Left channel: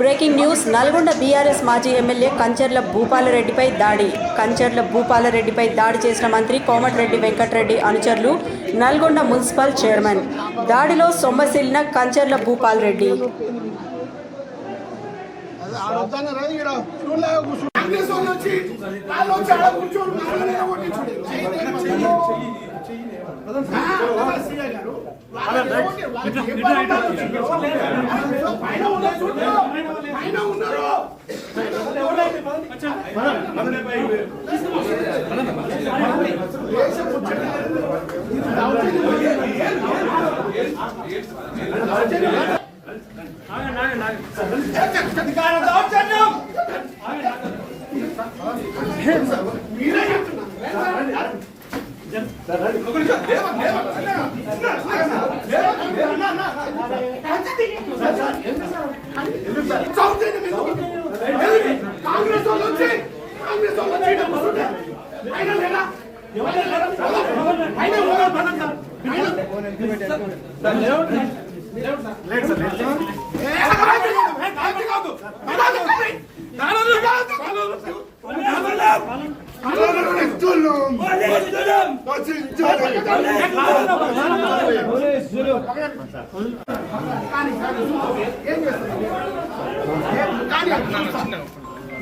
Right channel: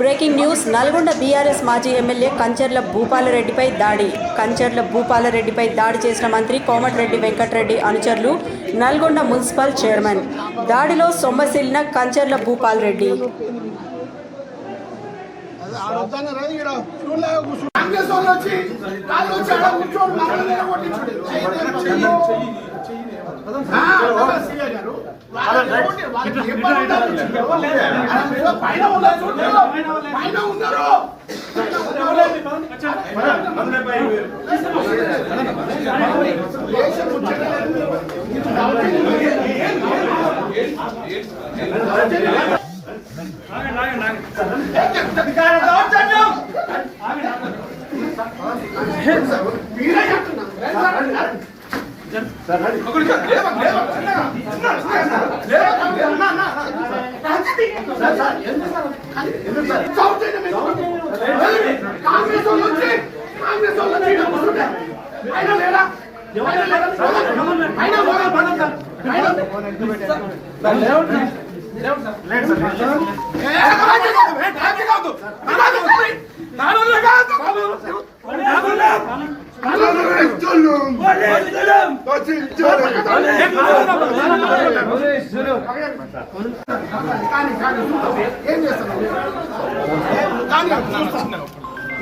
Breaking news. Nalgonda BRS మాజీ MLA Kancharla భూపాలరెడ్డిపై దాడి. కంచర్ల భూపాలరెడ్డిపై దాడి చేసిన మంత్రి కోమటిరెడ్డి వెంకటరెడ్డి అనుచరులు, నల్గొండ మున్సిపల్ చైర్మన్. దాడిలో సొమ్మసిల్లిన కంచర్ల భూపాలరెడ్డి.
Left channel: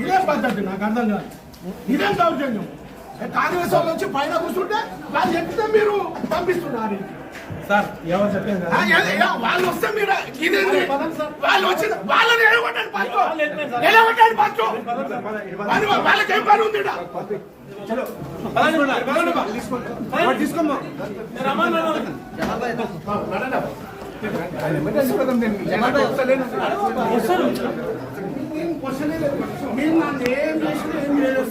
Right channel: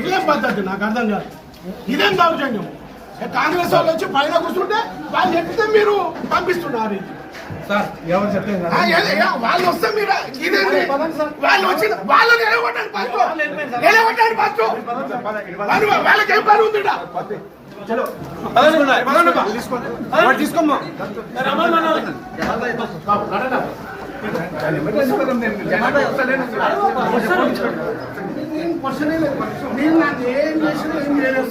ఇదేం పద్ధతి నాకు అర్థం కాదు. ఇదేం దౌర్జన్యం? కాంగ్రెస్ వాళ్ళు వచ్చి పైన కూర్చుంటే వాళ్ళు ఎక్కితే మీరు పంపిస్తున్నారు. వాళ్ళు వస్తే మీరు ఇదేంటి? వాళ్ళు వచ్చి వాళ్ళని ఎలగొట్టండి ఫస్ట్, ఎలగొట్టండి ఫస్ట్. వాళ్ళకి ఏం పని ఉంది? నేను నాకు ఏం చేసిన ఏం చేయలేదు.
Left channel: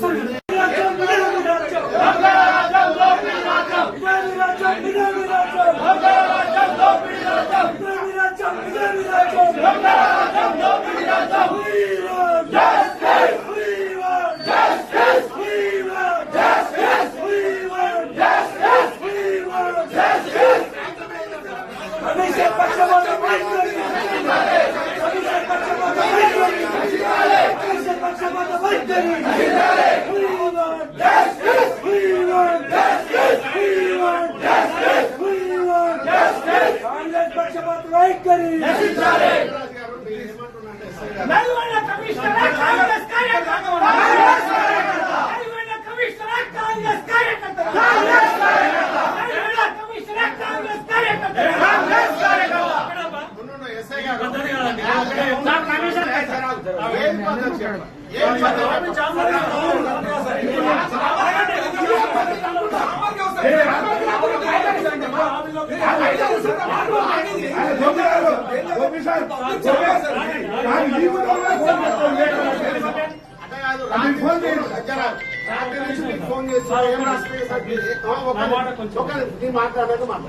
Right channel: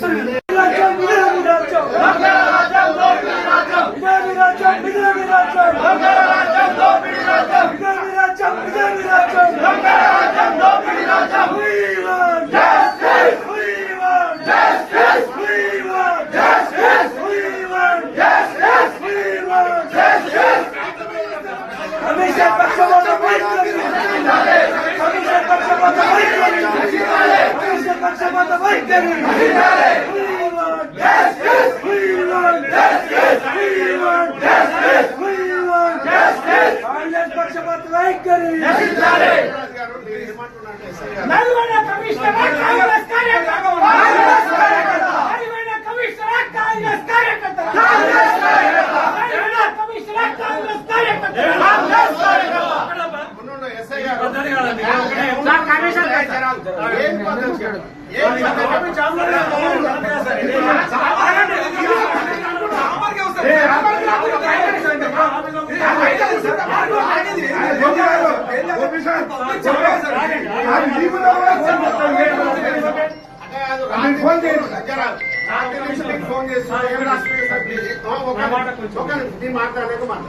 మాట్లాడలేదు మాట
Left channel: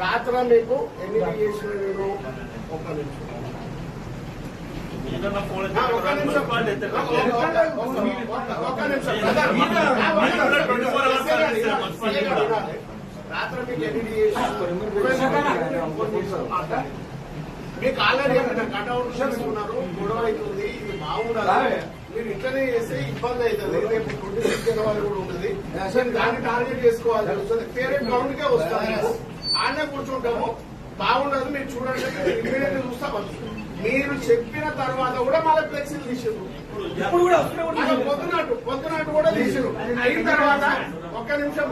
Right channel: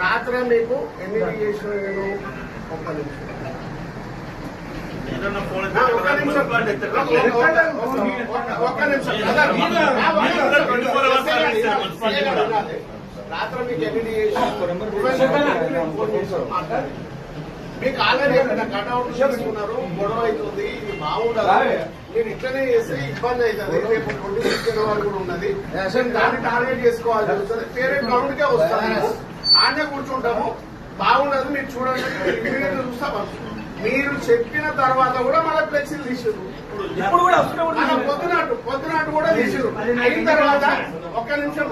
రాత్రి మీకు ఎన్ని చేసిన నేను ఒక్క రాత్రి మీకు ఎన్ని మీకు ఆల్రెడీ కట్అవుట్ చేసుకున్నారు. గొడవ అవుతుంది, ఇది బాగుండాలి. మీరు ఇట్లనే చేస్తే ఇబ్బంది అవుతుంది. రేపు పొద్దున్న వాళ్ళు కూడా ఉన్నది, దాన్ని టార్గెట్ చేసుకోవాలి. వేరే గ్రౌండ్ కే వస్తాము, ఆనే కూర్చుంటాము. బాగుండదు, మీరు చూడండి. మీరు చూస్తాం. మీరు చెప్పిన తర్వాత కూడా మళ్ళీ ఫ్లెక్సీలు తీసారు. పొద్దునాటు కూడా తీసారు. అయిన తర్వాత ఒక్క నిమిషం